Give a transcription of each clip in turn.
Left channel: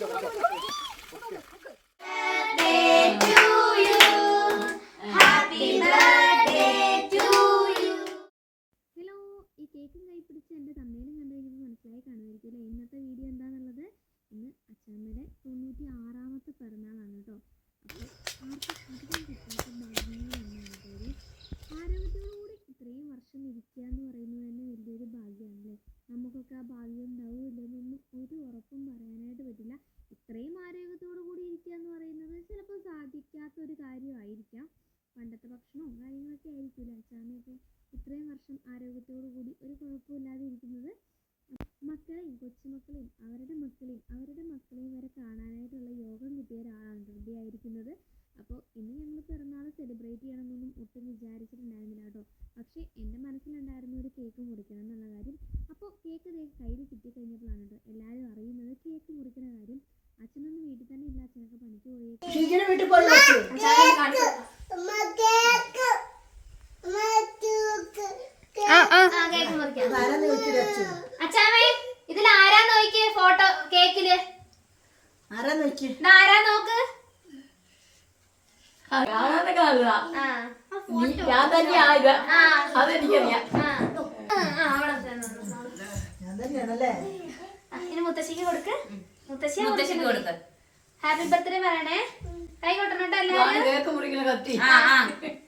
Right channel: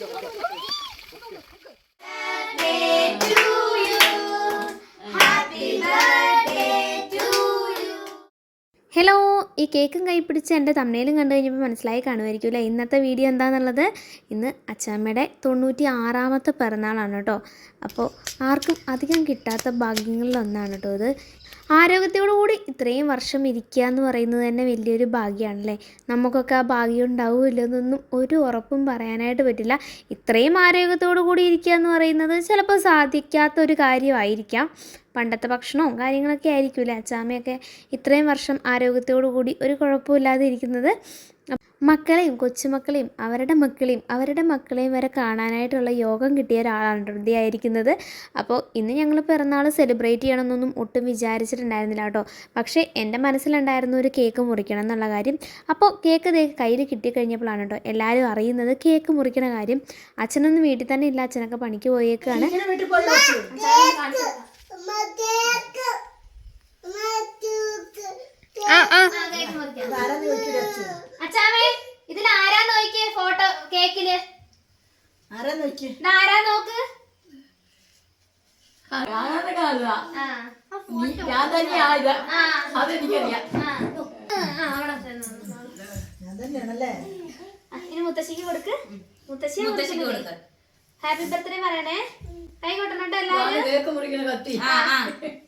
okay, okay. കേക്കും കൈ പിടിച്ച് എന്റെ തമ്മയിലും കണ്ടു കഴിഞ്ഞപ്പോൾ മനസ്സിലായി കാണുമായിരിക്കും അല്ലേ? ഇന്നത്തെ വീഡിയോ എന്താണെന്നുള്ളത് ഇന്ന് അച്ചാമ്മയുടെ തൊണ്ണൂറ്റി ആറാമത്തെ പിറന്നാളാണ് കേട്ടോ. അപ്പോൾ ആർക്കും അധികം കിട്ടാത്ത ഭാഗ്യങ്ങളിലൊന്നാണ് കേട്ടോ ഇത്. ആരോഗ്യത്തോടു കൂടി ഇത്രയും വർഷം ഇരിക്കുക എന്ന് പറയുന്നത് തന്നെ വലിയൊരു ഭാഗ്യമാണല്ലേ നമുക്കൊക്കെ ആ ഭാഗ്യം ഉണ്ടാവുമല്ലോ എന്നൊന്നും ഒരു ഉറപ്പും പറയാനായിട്ട് പറ്റില്ല. ഇത്രയും ആരോഗ്യത്തോടു കൂടി ഇരിക്കുക എന്ന് പറയുന്നത് ചിലപ്പോൾ സാധിക്കാത്ത ഒരു കാര്യമായിരിക്കാം. പണ്ടത്തെ ഭക്ഷണവും കാര്യങ്ങളൊക്കെ ആയിരിക്കില്ല? അച്ചാമ്മയൊക്കെ ഇത്രയും വർഷം ആരോഗ്യത്തോടു കൂടി ഒരു കുഴപ്പമില്ലാതെ ഇരിക്കുന്നത്. മക്കളെയും കൊച്ചുമക്കളെയും അവരുടെ മക്കളെയും അവരുടെ മക്കളെയും വരെ കാണാനായിട്ടുള്ള യോഗം കിട്ടിയ ഒരാളാണ് ഹൃദയ ആയിരിക്കുന്നത്. അപ്പോൾ ഇന്ന് ഞങ്ങൾ പിറന്നാൾ സെലിബ്രേറ്റ് ചെയ്യണമെന്നൊന്നും ഒട്ടും വിചാരിച്ചിട്ടുണ്ടായിരുന്നില്ല കേട്ടോ. പക്ഷേ എന്റെ മനസ്സിലുണ്ടായിരുന്ന ഒരു കേക്ക് മുറിക്കണം എന്നുള്ള കാര്യം. അപ്പോൾ കേക്ക് ദേ കയ്യിൽ കിട്ടിക്കഴിഞ്ഞപ്പോഴാണ് കേട്ടോ എല്ലാവരും അറിയുന്നത് കേക്ക് മുറിക്കണ കാര്യം. അച്ഛനൊന്നും വീട്ടിൽ തന്നെ ഇല്ല അച്ഛനൊക്കെ പണിക്ക് പോയേക്കാണ് പോയി വെച്ച്. ആ ആ ആരാന്ന് ചോദിച്ചിട്ട് വെച്ചു. അച്ഛാമേ ഇതിൽ ആരാ നോക്കിയേ ഫോട്ടോ കേക്കിൽ. ആരാ നോക്ക്? ഞാൻ അതെനിക്കറിയാം. ഇനി മുത്തശ്ശിക്ക് കൊടുക്ക്. മുത്തശ്ശി മുത്തശ്ശിക്ക് കൊടുക്ക്. ഹാപ്പി ബർത്ത്ഡേ പറയണേ. കൈ കൊട്ടണം കേട്ടോ കത്തി. എല്ലാവരും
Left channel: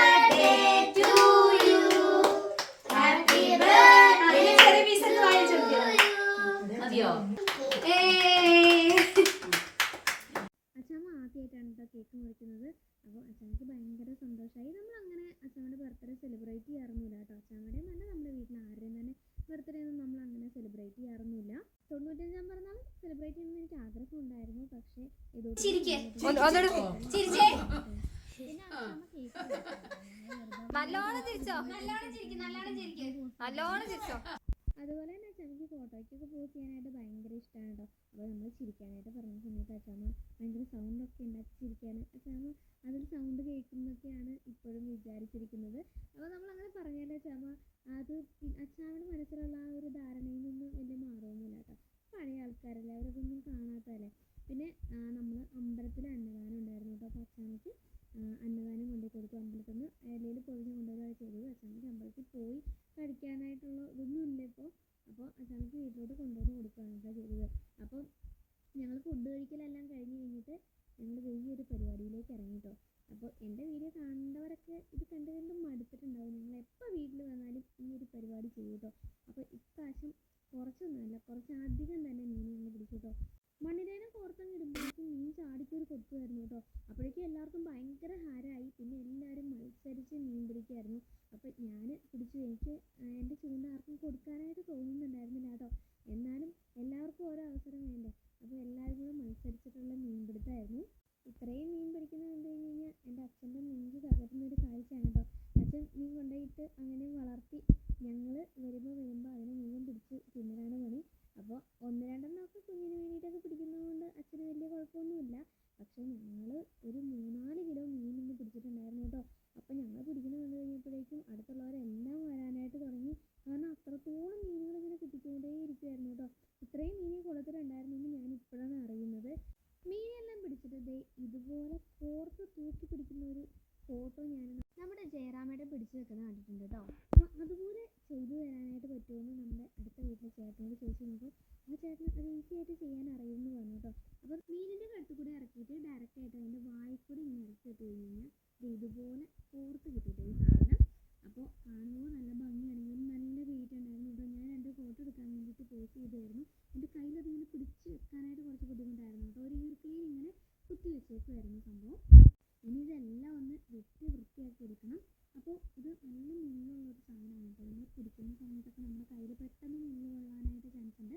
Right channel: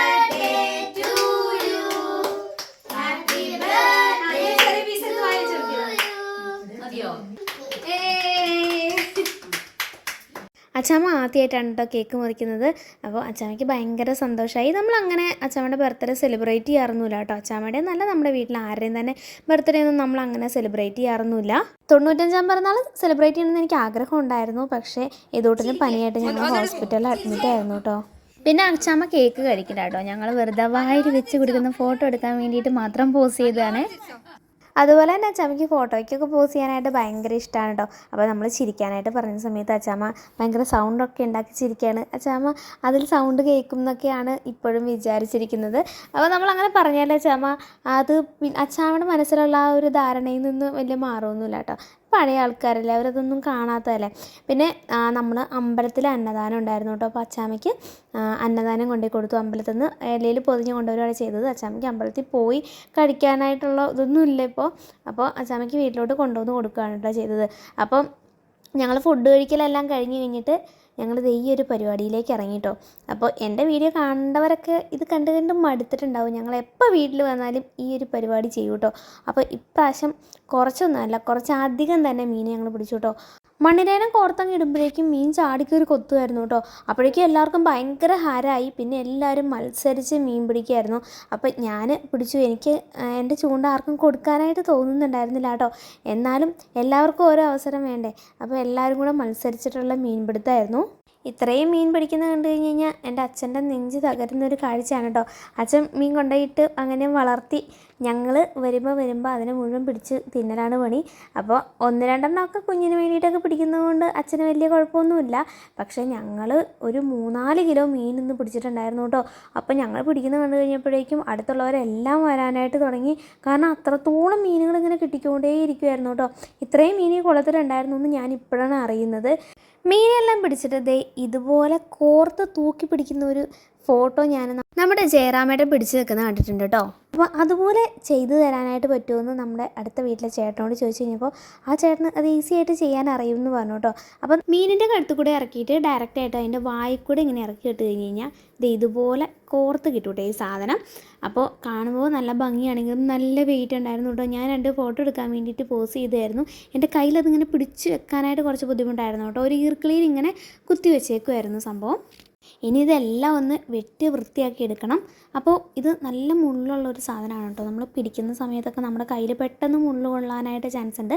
Achamma ആദ്യമായിട്ടാണ് കേട്ടോ കേക്ക് മുറിക്കുന്നത്. അപ്പോൾ അച്ചാമ്മയ്ക്ക് ഭയങ്കര സന്തോഷമായി നമ്മൾ അങ്ങനെ അച്ചാമ്മയുടെ ബർത്ത്ഡേ സെലിബ്രേറ്റ് ചെയ്യാറൊന്നുമില്ല കേട്ടോ. അച്ചാമ്മയുടെ നല്ല നമ്മുടെ വീട്ടിൽ ആരുടെയും തന്നെ ബർത്ത്ഡേ ഒന്നും നമ്മൾ അങ്ങനെ സെലിബ്രേറ്റ് ചെയ്യാറൊന്നുമില്ല. തൊണ്ണൂറ്റഞ്ചാം പിറന്നാൾ സെലിബ്രേറ്റ് ചെയ്യണമെന്ന് എനിക്ക് ആഗ്രഹം ഉണ്ടായിരുന്നു. പക്ഷേ ഇതോട്ടിന് പനിയായിട്ട് ഞാൻ ഹോസ്പിറ്റലിൽ അഡ്മിറ്റ് ആയിരുന്നു കേട്ടോ. പിന്നെ അച്ചാമ്മ കേക്ക് കഴിക്കില്ല കേട്ടോ. ഞങ്ങൾ വെറുതെ വായിൽ വെച്ച് കൊടുക്കുന്ന ഫോട്ടോ എടുക്കാൻ വേണ്ടിയിട്ട് മാത്രം പോസ് ചെയ്തതാണ്. അതുപോലെ തന്നെ അച്ചാമ്മയ്ക്ക് ഫോട്ടോയ്ക്കൊക്കെ പോസ് ചെയ്യാനായിട്ട് ഭയങ്കര ഇഷ്ടമാണ് കേട്ടോ അപ്പോൾ നമ്മൾ ചിരിക്കാനായിട്ട് പറഞ്ഞ സമയത്ത് അച്ചാമ്മ ഭയങ്കര സൗണ്ടൊക്കെ ഉണ്ടാക്കി ചിരിക്കുകയാണ് അച്ചാമ്മ അതിൽ സൗണ്ട് കേൾക്കും എന്നൊക്കെയാണ് ഇപ്പോഴും വിചാരിച്ചിരിക്കുന്നത്. അപ്പോൾ നമ്മൾ അങ്ങനെ പറഞ്ഞാലേ അച്ചാമ്മ അത് അച്ചാമ്മയുടെ മനസ്സിലുള്ള ആ ഒരു ധാരണയിൽ നിന്ന് വലിയ മാറുമൊന്നുമില്ല കേട്ടോ പഴയ ആൾക്കാരല്ലേ അവരതൊന്നും കാണാത്തതല്ലേ? പിന്നെ നമ്മൾ അമ്പലത്തിൽ അന്നദാനം ഉണ്ടായിരുന്നു കേട്ടോ. അപ്പോൾ അച്ചാമ്മയ്ക്ക് അന്നദാനം കൊണ്ടുപോയി കൊടുത്തു. അമ്പലത്തിൽ നിന്ന് ഇലയിൽ പൊതിഞ്ഞ് കൊണ്ടുവരികയാണ് ചെയ്തത്. അച്ചാമ്മയ്ക്ക് അമ്പലത്തിൽ പോയി കഴിക്കാനായിട്ടുള്ള ഇതൊന്നും ഇല്ല ഇപ്പോൾ അപ്പോൾ അച്ചാമ്മയ്ക്ക് വീട്ടിലോട്ട് കൊണ്ടുവന്ന് കൊടുക്കുകയാണ് കേട്ടോ ചെയ്തത്. അപ്പം ഞങ്ങൾ ഫുഡ് കഴിക്കലെല്ലാം കഴിഞ്ഞ് കഴിഞ്ഞിട്ട് ഞങ്ങൾ ഈ ഒരു പരിപാടിയിലേക്ക് ഇറങ്ങിട്ടോ. അപ്പോൾ എന്റെ വീഡിയോ കണ്ടവരൊക്കെ ഇത് കണ്ട് കണ്ട് മടുത്തിട്ടുണ്ടാവും. ഞങ്ങൾ എപ്പോൾ വീട്ടിൽ വന്നാലും ഈ ഒരു പരിപാടി ചെയ്യും കേട്ടോ അപ്പോൾ ഇപ്രാവശ്യം കുറച്ചൊന്നുമല്ല കുറച്ച് അധികം തന്നെ മീൻ ഞങ്ങൾ പിടിച്ചു കേട്ടോ മണ്ണിരേനം കോർത്തങ്ങ് ഇടുമ്പോഴേക്കും മീൻ ചാടിക്കൊരു കൊത്തുമായിരുന്നു കേട്ടോ. അപ്പോഴേക്കും എല്ലാവർക്കും ഭയങ്കര ഹരായി. പിന്നെ എല്ലാവരും മത്സരിച്ച് മീൻ പിടിക്കുമായിരുന്നു. അപ്പം ഞാൻ പിടിച്ചു. എനിക്ക് എന്റെ ചൂണ്ട ആർക്കും കൊടുക്കാനായിട്ട് തോന്നുന്നുണ്ടായിരുന്നില്ല കേട്ടോ. എന്നാലും എല്ലാവർക്കും ഓരോ അവസരം വേണ്ടേ. അപ്പോൾ എല്ലാവരും കൂടെ മത്സരിച്ചിട്ടുള്ള മീൻപിടുത്തമായിരുന്നു ഇത്രയും മീൻ പിടിക്കുന്നത് കണ്ടു കഴിഞ്ഞ് കഴിഞ്ഞാൽ എന്റെ അച്ഛന്റെ നെഞ്ച് തകരുന്ന ഒരു കാഴ്ചയാണ് കേട്ടോ. അച്ഛൻ മീൻ കൊണ്ടുപോയിട്ട് അങ്ങനെ വളർത്തി ഞങ്ങൾ വരുമ്പോൾ വരുമ്പോൾ അതിനെ മുഴുവൻ പിടിച്ച് തിന്നലാണ് പണി. അപ്പോൾ ഒന്ന് രണ്ടെണ്ണമൊക്കെ കുഞ്ഞിന് വേണ്ടിയിട്ടൊക്കെ പിടിക്കുന്നതുകൊണ്ട് അച്ഛന് വലിയ കുഴപ്പമൊന്നുമില്ല. പക്ഷേ ഞങ്ങൾ ഒരു മൂന്നാൽ കിലോ മീൻ ഇന്ന് പിടിച്ചിട്ടുണ്ടായിരുന്നു കേട്ടോ. അപ്പോൾ ഞങ്ങൾ പിടിക്കുന്നത് കണ്ടു കഴിഞ്ഞപ്പോഴേക്കും അടുത്തുള്ളവരെല്ലാം വരാനായിട്ട് തുടങ്ങി. കാരണം അത്രത്തോളം മീനുകൾ ഇങ്ങനെ കിട്ടിക്കൊണ്ടേ ഇരിക്കുമായിരുന്നു കേട്ടോ. ഇത്രയും മീൻ ഈ കുളത്തിലുണ്ടായിരുന്നു എന്ന് ഞാൻ ഇപ്പോഴാണ് അറിയുന്നത്. മീനെല്ലാം പിടിച്ചിട്ട് ദേ ഇതുപോലെ കോർത്ത് തൂക്കി പിടിക്കുന്ന ഒരു ഫോട്ടോ ഞാൻ നമ്മുടെ ജയറാമേട്ടൻ പിടിച്ചു നിൽക്കുന്ന കണ്ടിട്ടുണ്ട് കേട്ടോ. അപ്പോൾ അതുപോലെ ചെയ്തു തരാനായിട്ട് പറ്റുമെന്ന് നമ്മുടെ അടുത്ത വീട്ടിലെ ചേട്ടനോട് ചോദിച്ചു കഴിഞ്ഞപ്പോൾ ആ ചേട്ടന് അത് ഈസി ആയിട്ട് ചെയ്യാൻ അറിയും എന്ന് പറഞ്ഞു കേട്ടോ. അപ്പം മീനിന്റെ കഴുത്ത് കൂടെ ഇറക്കിയിട്ട് ഡയറക്റ്റ് ആയിട്ട് അതിന്റെ വായിൽ കൂടെ ഇങ്ങനെ ഇറക്കി ഇട്ട് കഴിഞ്ഞ് കഴിഞ്ഞാൽ ഇത് ഇതുപോലെ കോർത്ത് കിട്ടും ഈ സാധനം. അപ്പോൾ കാണുമ്പോൾ നല്ല ഭംഗിയാണെങ്കിലും നല്ല വെയിറ്റ് ഉണ്ടായിരുന്നു കേട്ടോ. ഞാൻ രണ്ട് ഫോട്ടോ എടുക്കാൻ വേണ്ടിയിട്ട് പോസ് ചെയ്തായിരുന്നു. എന്റെ കയ്യിൽ അതിങ്ങനെ പിടിച്ച് വെക്കാനായിട്ട് കുറച്ച് ബുദ്ധിമുട്ടായിരുന്നു കേട്ടോ. ഒരു ഈർക്കിളിയിൽ ഇങ്ങനെ കുത്തി വെച്ചേക്കുമായിരുന്നു സംഭവം. ഇനി ഇതെല്ലാം ഒന്ന് വെട്ടി വൃത്തിയാക്കി എടുക്കണം. അപ്പോൾ ഇത് നല്ല മുള്ളുള്ള ഒരു സാധനമാണ് കേട്ടോ. നമ്മൾ പിടിക്കുന്ന സമയത്തൊക്കെ നമ്മുടെ കയ്യിൽ പെട്ടെന്ന് മുള്ളു കൊള്ളാനായിട്ട് ചാൻസ് ഉണ്ട്.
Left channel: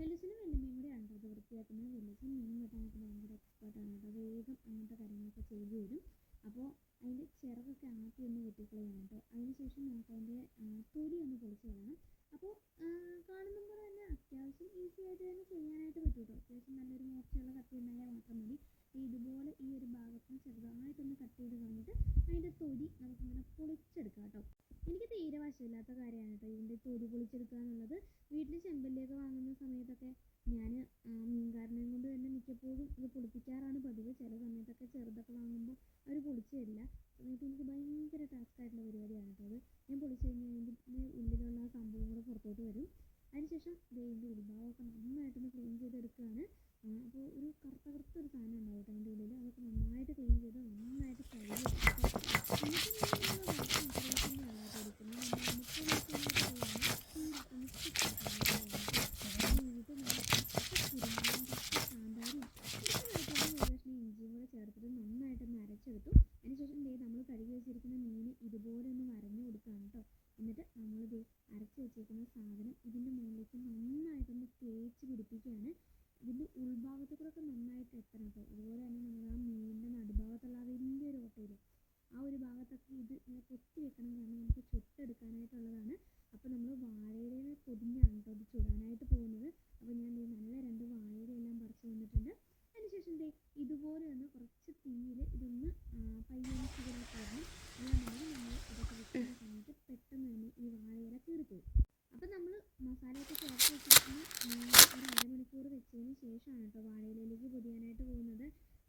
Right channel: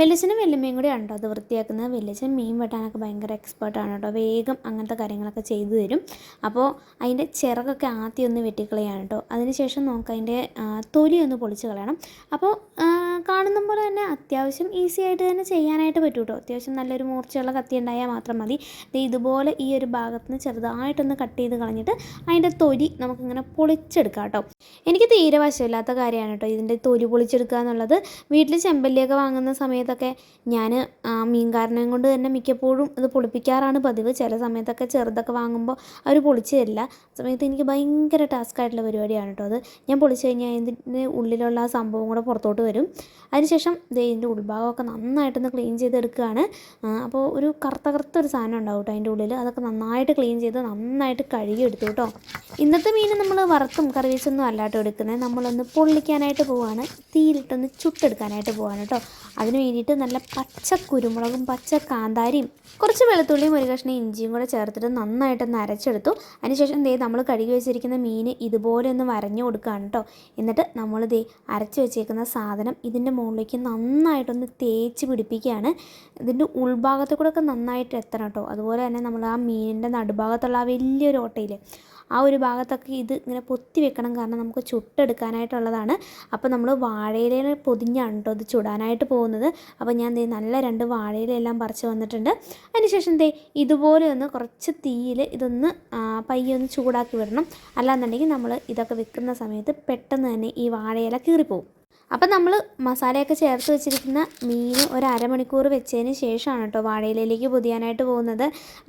വെല്ലിച്ചനും വെല്ലുമ്മയും കൂടി ഉണ്ടോ അത് വൃത്തിയാക്കുന്നത്. വെല്ലിച്ചൻ മീൻ വെട്ടാനൊക്കെ ഭയങ്കര എക്സ്പേർട്ടാണ് കേട്ടോ. വേഗം അങ്ങനത്തെ കാര്യങ്ങളൊക്കെ ചെയ്തു തരും. അപ്പോൾ അതിന്റെ ചിറകൊക്കെ ആദ്യം ഒന്ന് വെട്ടിക്കളയാണ് കേട്ടോ. അതിനുശേഷം നമുക്ക് അതിന്റെ തൊലി ഒന്ന് പൊളിച്ച് കളയണം. അപ്പോൾ കാണുന്ന പോലെ തന്നെ അത്യാവശ്യം ഈസി ആയിട്ട് തന്നെ ചെയ്യാനായിട്ട് പറ്റും കേട്ടോ അത്യാവശ്യം നല്ലൊരു മൂർച്ചയുള്ള കത്തി ഉണ്ടായാൽ മാത്രം മതി. ഇതുപോലെ ഈ ഒരു ഭാഗത്ത് നിന്ന് ചെറുതായിട്ടൊന്ന് കട്ട് ചെയ്ത് കളഞ്ഞിട്ട് അതിന്റെ തൊലി നമുക്കിങ്ങനെ പൊളിച്ചെടുക്കാം കേട്ടോ എനിക്ക് തീരെ വശമില്ലാത്ത കാര്യമാണ് കേട്ടോ ഇതിന്റെ തൊലി പൊളിച്ചെടുക്കുക എന്നുള്ളത്. വീട്ടിൽ ചെമ്പല്ലിയൊക്കെ വാങ്ങുന്ന സമയത്തൊക്കെ ഞാൻ മീൻകാരനെയും കൊണ്ട് തന്നെ മിക്കപ്പോഴും ഇത് പൊളിപ്പിക്കാറാണ് പതിവ്. ചില സമയത്തൊക്കെ ചെറുതൊക്കെ വാങ്ങുമ്പോൾ അവർ പൊളിച്ച് തരില്ല സമയത്ത് എനിക്ക് ഭയങ്കര ടാസ്ക് ആയിട്ടുള്ള പരിപാടിയാണ് കേട്ടോ അത്. ഞാൻ പൊളിച്ച് കഴിഞ്ഞാൽ ഇതിന്റെ ഉള്ളിലുള്ള ആ സംഭവം കൂടെ പുറത്തോട്ട് വരും. അതിനുശേഷം ദേ ഇതിന്റെ ഉൾഭാഗമൊക്കെ നന്നായിട്ടൊന്ന് ക്ലീൻ ചെയ്തെടുക്കുകയാണ്. അപ്പോൾ ഒരു കറുത്ത കറുത്ത ഒരു സാധനം ഉണ്ടാവും കേട്ടോ അതിന്റെ ഉള്ളിൽ അതൊക്കെ നന്നായിട്ട് ക്ലീൻ ചെയ്ത് നന്നായിട്ട് കഴുകി എടുത്തു കേട്ടോ. ഇന്നത്തെ മീൻ നമ്മൾ വറുത്തും കറി വെച്ചൊന്നും അല്ലാട്ടോ എടുക്കുന്നത്. നമ്മളൊന്ന് പൊള്ളിക്കാനായിട്ട് പോവാണ്. തീരിട്ടൊന്ന് ചുട്ടെടുക്കാനായിട്ട് പോവാണ് കേട്ടോ. അതിന് വേണ്ടിയിട്ട് നല്ല പച്ച കുരുമുളകും പച്ച കാന്താരിയും കുറച്ച് വെളുത്തുള്ളിയും ഒരു കഷ്ണം ഇഞ്ചിയും കൂടെ ചേർത്തിട്ട് നന്നായിട്ടൊന്ന് അരച്ചെടുത്തു. അതിനുശേഷം ദേ നമ്മൾ കഴുകി വെച്ചിരിക്കുന്ന മീൻ ഇതുപോലെ ഒന്ന് വരഞ്ഞു കൊടുക്കുകയാണ് കേട്ടോ. എന്നിട്ട് നമ്മൾ ദേ അരച്ച് വെച്ചേക്കുന്ന സാധനം ഇതിന്റെ മുകളിലേക്ക് നന്നായിട്ടൊന്ന് തേച്ച് പിടിപ്പിക്കുകയാണ്. ഇതിന്റെ ഉൾഭാഗത്ത് കൂടെ ഒക്കെ നന്നായിട്ട് എത്തണം കേട്ടോ. അതുപോലെ തന്നെ നമ്മൾ ആ മീനിന്റെ നടുഭാഗത്തുള്ള ആ വലിയൊരു ഓട്ടയിൽ ആ ഒരു ഭാഗത്തൊക്കെ ഇത് ഇങ്ങനെ പൊത്തി വെക്കണം കാരണം നമുക്ക് ചുട്ടെടുക്കാനായിട്ടുള്ളതാണ്. അപ്പോൾ നമ്മൾ വാഴയിലയിൽ പൊതിഞ്ഞാണ് കേട്ടോ ഇത് ചുടാനായിട്ട് പോകുന്നത്. അപ്പോൾ ഞാൻ ദേ നല്ല രണ്ട് വാഴയിലെല്ലാം പറിച്ച് വന്നിട്ടുണ്ട്. അതിനുശേഷം ദേ ഇതുപോലെ ഒന്ന് കുറച്ച് തീയിൽ ഇതൊന്ന് പയ്യെ ഒന്ന് ചൂടാക്കി വിടണം. അല്ലാന്നുണ്ടെങ്കിൽ നമ്മൾ ഇതൊക്കെ വെക്കുന്ന സമയത്ത് പെട്ടെന്ന് തന്നെ ഈ വാഴയില കീറിപ്പോവും. അപ്പം നമ്മൾ മസാലയൊക്കെ ചേർത്ത് വെച്ചിരിക്കുന്ന മീൻ ഒരു അരമണിക്കൂർ വെച്ചതിന് ശേഷമാണ് കേട്ടോ വാഴയിലേക്ക് പൊതിയാനായിട്ട് പോകുന്നത്.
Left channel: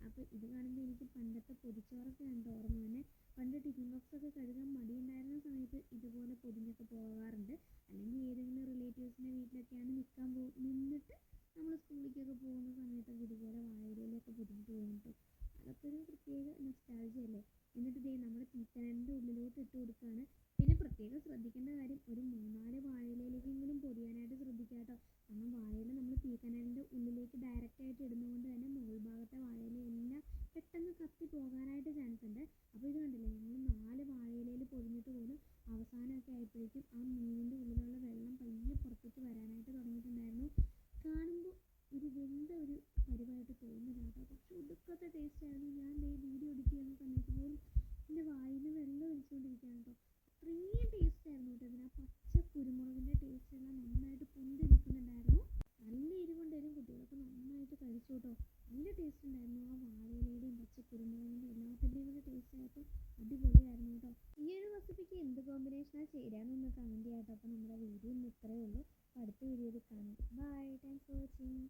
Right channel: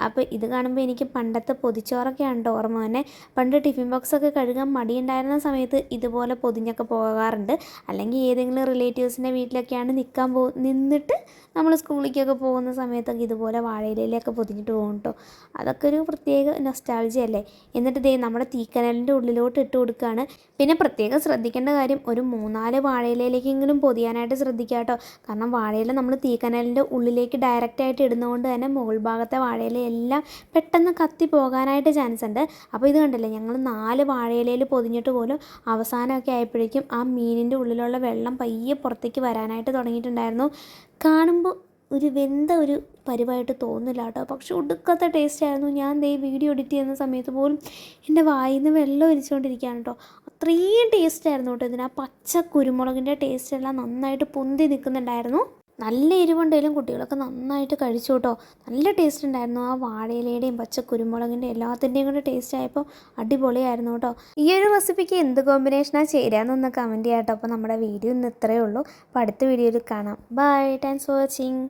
അപ്പോൾ ഇത് കാണുമ്പോൾ എനിക്ക് പണ്ടത്തെ പൊതിച്ചോറൊക്കെയാണ് കേട്ടോ ഓർമ്മ തന്നെ പണ്ട് ടിഫിൻ ബോക്സൊക്കെ കഴുകാൻ മടിയുണ്ടായിരുന്ന സമയത്ത് ഇതുപോലെ പൊതിഞ്ഞൊക്കെ പോകാറുണ്ട്. അല്ലെങ്കിൽ ഏതെങ്കിലും റിലേറ്റീവ്സിന്റെ വീട്ടിലൊക്കെയാണ് നിൽക്കാൻ പോ നിന്നിട്ട് നമ്മൾ സ്കൂളിലേക്കൊക്കെ പോകുന്ന സമയത്തൊക്കെ ഇതുപോലെ വാഴയിലൊക്കെ പൊതിഞ്ഞിട്ട് പോകും കേട്ടോ. അതൊക്കെ ഒരു പ്രത്യേക നൊസ്റ്റാൾജി അല്ലേ? എന്നിട്ട് ദേ നമ്മുടെ തീക്കനലിന്റെ ഉള്ളിലോട്ട് ഇട്ട് കൊടുക്കുകയാണ് പിന്നെ പ്രത്യേകം ശ്രദ്ധിക്കേണ്ട കാര്യം ഒരു മൂന്നാൽ വാഴയിലയിലേക്കെങ്കിലും പൊതിയാനായിട്ട് ശ്രദ്ധിക്കുക കേട്ടോ. കാരണം വാഴയില നമ്മൾ തീക്കനലിന്റെ ഉള്ളിലേക്ക് ഡയറക്റ്റ് ആയിട്ട് ഇടുന്നതുകൊണ്ട് തന്നെ മുകൾ ഭാഗത്തെ വാഴയില എല്ലാം പെട്ടെന്ന് കത്തി പോകാനായിട്ട് ചാൻസ് ഉണ്ട്. അപ്പോൾ ഇത് കണ്ടില്ലേ ഞങ്ങൾ നാല് വാഴയിലയിൽ പൊതിഞ്ഞിട്ട് പോലും അവസാനമൊക്കെ ആയപ്പോഴേക്കും ആ മീനിന്റെ ഉള്ളിലുള്ള വെള്ളം പയ്യെ പുറത്തേക്ക് വരാനായിട്ട് തുടങ്ങിയിട്ടുണ്ടായിരുന്നു. കാണുമ്പോൾ ഒരു വെന്ത ഒരു പരിവായിട്ട് തോന്നില്ല കേട്ടോ. പക്ഷെ ഒടുക്കത്തെ ടേസ്റ്റ് ആയിരുന്നു. ഞാൻ ദേ വീഡിയോ എഡിറ്റ് ചെയ്യുന്ന സമയത്ത് പോലും എന്റെ വായിൽ നിന്ന് വെള്ളം ഒലിച്ചുകൊണ്ടിരിക്കുകയാണ് കേട്ടോ. അത്രയും ടേസ്റ്റ് ആയിരുന്നു കേട്ടോ ഇതിന്. ആ പച്ച കുരുമുളകിന്റെ ടേസ്റ്റ് എല്ലാം നന്നായിട്ട് പൊന്തി നിൽക്കുന്നുണ്ടായിരുന്നു. നല്ല എരിവുണ്ടെങ്കിലും കുട്ടികളൊക്കെ നന്നായിട്ട് കഴിച്ചു കേട്ടോ. നല്ല ടേസ്റ്റ് ഉണ്ടായിരുന്നു ആ വാഴയിലയുടെയും പച്ച കുരുമുളകിന്റെ എല്ലാത്തിന്റെയും കൂടെ ടേസ്റ്റ് ആയപ്പോൾ അടിപൊളിയായിരുന്നു കേട്ടോ. ഈ ഒരു റെസിപ്പിക്ക് എന്ത് കോമ്പിനേഷനാണ് ചേരാന്നൊന്ന് കമന്റ് ചെയ്യാം കേട്ടോ. അപ്പോൾ നമ്മുടെ വീഡിയോ ഇന്ന് ഇത്രയേ ഉള്ളൂ. അപ്പോൾ അടുത്ത വീഡിയോയിൽ കാണാം. ബൈ. Thanks for watching